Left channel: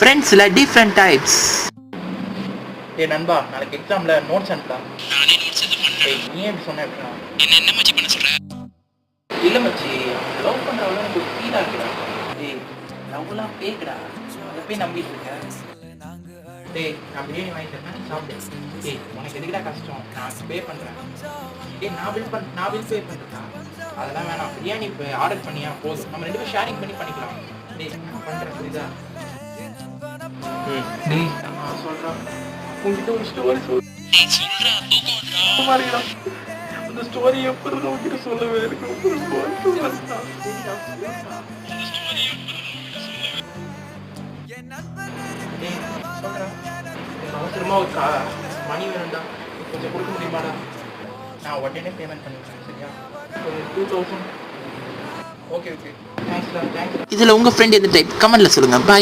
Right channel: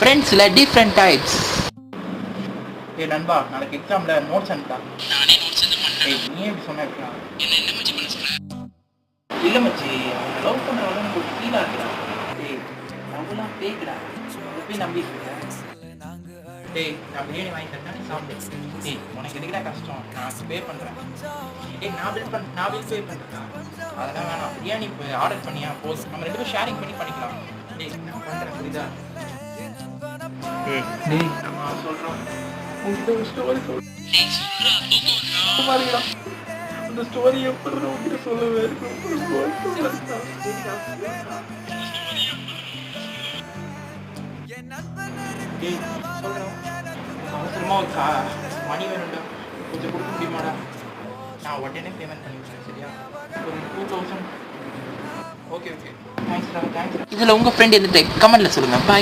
ஃப்ரெண்ட்ஸில் different types. ஏ நண்பா, நாளைக்கு எக்ஸாமில் நோட்ஸ் அனுப்பா. ஏய், நீ எப்படி சொன்ன? என்ன மச்சி பண்ண சொல்ற? இல்லை மச்சி, அவன் லவ் பண்ணுறவங்க எனக்கு ஒரு ஃபீல் ஆகுடா. ஏய், லவ்லாம் கேட்குடா, எப்பயும் நம்பிட்டு இருக்கேன். டேய், நான் பிரியாணி வாங்கி தரேன், சாப்பிடு. டேய், உனக்கு எதுக்குடா கஷ்டம்? நான் பே பண்ணுறேன். டேய், நான் பில் பே பண்ணுறேன். அதெல்லாம் வேணாம், பிரியாணி இப்போ ஆர்டர் பண்ணியா போதும், நம்ம 2 பேரும் ஷேரிங் பண்ணிக்கலாம். டேய், நான் பண்ணுறேன், புரியுதா? டேய், நம்ம சொல்கிறோம், உங்ககிட்ட ஒரு ஸ்டோரி சொல்லுடா. அந்த ஸ்டோரி எப்படி உங்களுக்கு சொல்லவே அவசரமா ஒரு மணி வேணும்டா, கொஞ்சம் கொடுக்க முடியுமாடா? நான் உடனே பேமெண்ட் பண்ணிவிடுறேன், சரியா? ஒரு 2000. ஓகே, தேங்க்ஸ்டா, தேங்க்ஸ். இதில் உங்கள் ஃப்ரெண்ட் எந்த டைப் கமெண்ட்டில் சொல்லுங்கள். பாய்.